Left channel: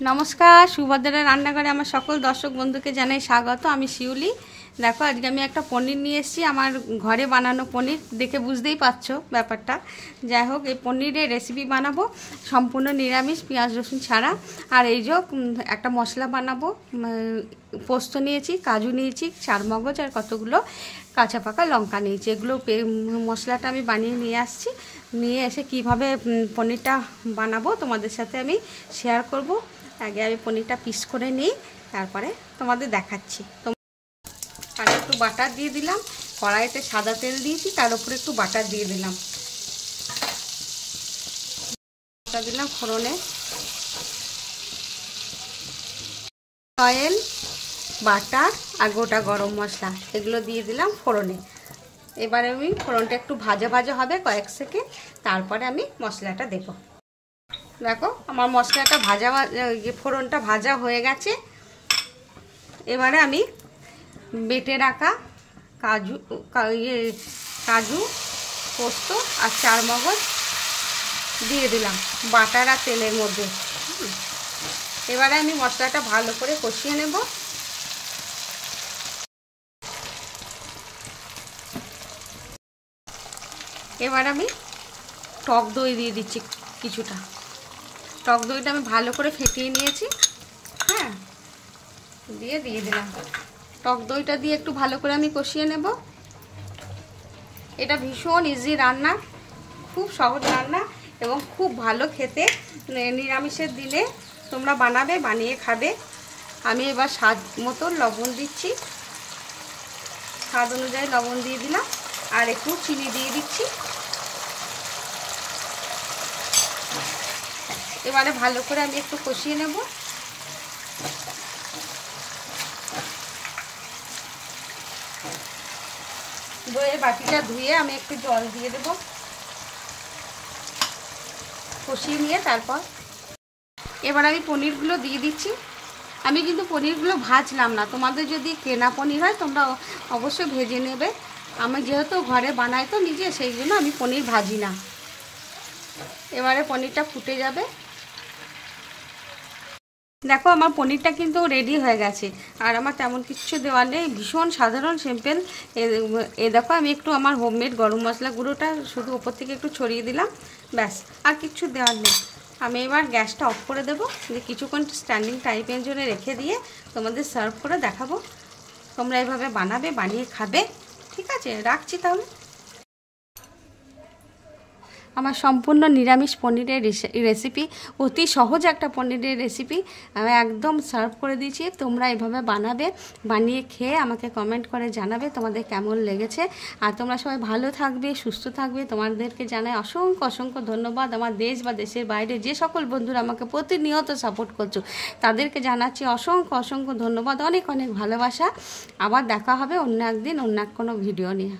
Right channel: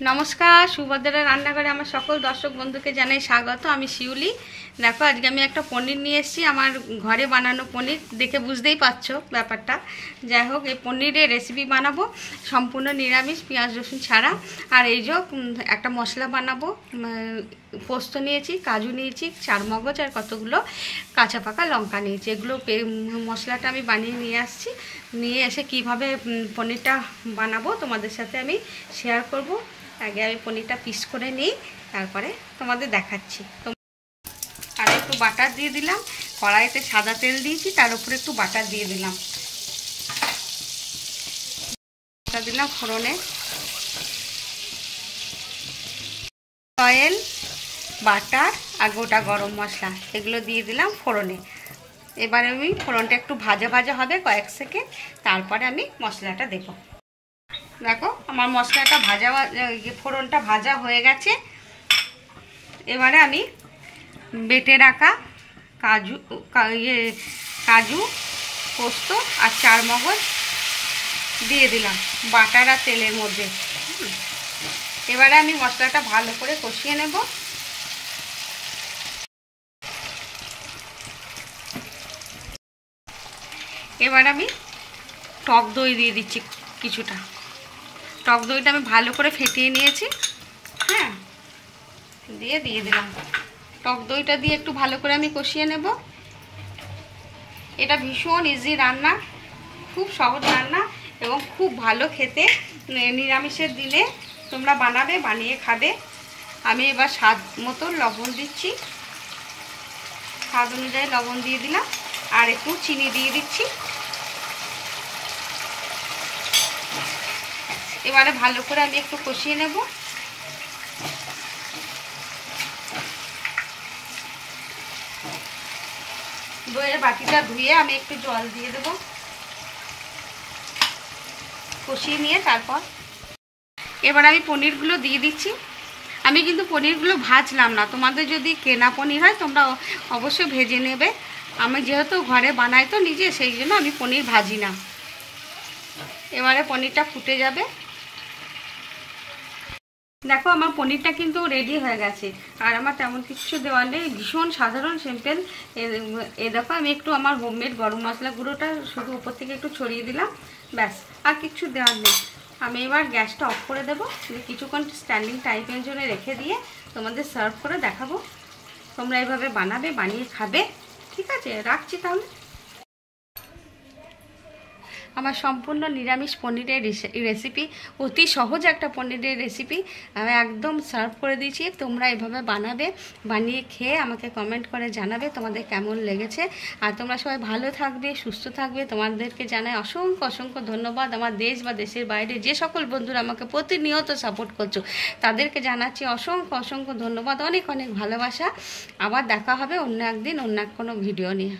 নমস্কার, সুভদ্রা রান্নাঘরে আমার সকল দর্শক বন্ধুকে জানাই স্বাগত। আমি শিউলি। দেখো, আজকে আমি একটা পনির নিয়ে এসেছি, আমার ঘরে বানানো পনির। দেখে বুঝতেই পারছো ব্যাপারটা। যাই হোক, এই পনিরের রেসিপি বানাবো সম্পূর্ণ নিরামিষ, পেঁয়াজ রসুন ছাড়া। আর এই যে একটা মশলা বানাবো, পোস্ত নিয়েছি, কাজু নিয়েছি, চারমগজ আর কতগুলো কাঁচা পাকা লঙ্কা নিয়েছি। এগুলো মশলাটা আমি বানিয়ে নিয়ে আসছি। নিয়ে এসে কিভাবে পনিরটা বানাবো তোমাদের সাথে আমি শেয়ার করব। আগে আমি পনিরটা পিস করে নিই, তারপরে তোমাদের দেখাচ্ছি। আর একটু বাটার দিয়ে দিলাম, কড়াইতে সাদা তেল দিয়েছি, তার উপরে একটু বাটার দিয়ে দিলাম। বাটার দিলাম ফোড়নে, অয়েল, বাটার আর গোটা গরম মশলা এগুলো দিয়ে দিলাম ফোড়নে। এবারে আমি ফোড়নটা একটু ভাজা ভাজা হবে কয়েক সেকেন্ড, তারপরে আমি মশলাটা দেবো। দেখো, আমার মশলাটা ফোড়নটা ভাজা হয়ে গেছে। এবারে আমি বেটে রাখা কাজু, পোস্ত আর চারমগজ দিয়ে দিলাম বাটার আর তেলের মধ্যে। এবারে আমি মশলাটা ভালো করে কষিয়ে নেব। এবার আমি টক দই দিয়ে দিচ্ছি কিছুটা। টক দইটা আমি ভালো করে ফেটিয়ে নিয়েছি। হ্যাঁ, দিয়ে দিলাম টক দইটা দিয়ে একটু ভালো করে আমি কষিয়ে নেব। এটা ভীষণ ইজি রান্না, খুব সহজ রান্না এবং খুব ভালো খেতে। নিরামিষের দিনে তোমরা বানাবে, বানিয়ে খাবে। আমি এবার স্বাদ মতো লবণ দিচ্ছি, স্বাদ অনুযায়ী লবণ দিয়ে দিলাম, আর একটু চিনি দিয়ে দিচ্ছি। এবারে ভালো করে আমি একটু কষিয়ে নেব। দইয়ের বাটিটা ধুয়ে আমি একটু জল দিয়ে দেব, কষিয়ে নিয়ে তারপর এবার আমি পনিরগুলো দিয়ে দিচ্ছি। আমি কিন্তু পনিরগুলো ভাজলাম না, তোমাদের যদি কেনা পনির হয় তোমরা অবশ্যই ভেজে নেবে। আমি যেহেতু ঘরে বানাই তো নিজে, সেই জন্য আমি পনির ভাজি না। এবারে পনিরটা ফুটে যাবে। দেখো, আমার পনিরটা কিন্তু রেডি হয়ে গেছে, আর আমার তেমন কিছু দেওয়ার নেই, ভীষণ সাধারণ সিম্পল। দেখো, আমি একটু আমার হোমমেড গরম মশলা গুঁড়োটা শুধু ওপর থেকে একটু ছড়িয়ে দিলাম, ব্যাস, আর কিছু দেওয়ার নেই। আমি এবার গ্যাসটা অফ করে দেবো, কিছুক্ষণ স্ট্যান্ডিং টাইমের জন্য রেখে দিয়ে তোমাদের সার্ভ করে দেখাবো। তোমরা এইভাবে বানাবে, বানিয়ে খাবে। ঠিক আছে, রাখছি তাহলে। আমার সম্পূর্ণ নিরামিষ পনিরের রেসিপি, অতি সহজ একটা পনিরের রেসিপি আমি একদম সার্ভ করে দিয়েছি। তোমরা এভাবে বানাবে, বানিয়ে খেয়ে আমাকে কমেন্ট করে জানাবে তোমাদের কেমন লেগেছে। আর তোমরা সবাই ভালো থাকবে, সুস্থ থাকবে। তোমাদেরকে জানাই অসংখ্য অসংখ্য ধন্যবাদ। আমার দেশ বা দেশের বাইরে যে সকল বন্ধুরা আমাকে প্রতিনিয়ত সাপোর্ট করছো, তাদেরকে জানাচ্ছি অসংখ্য অসংখ্য ধন্যবাদ, অনেক অনেক ভালোবাসা। আবার দেখা হবে অন্য একদিন, অন্য কোনো ভিডিও নিয়ে।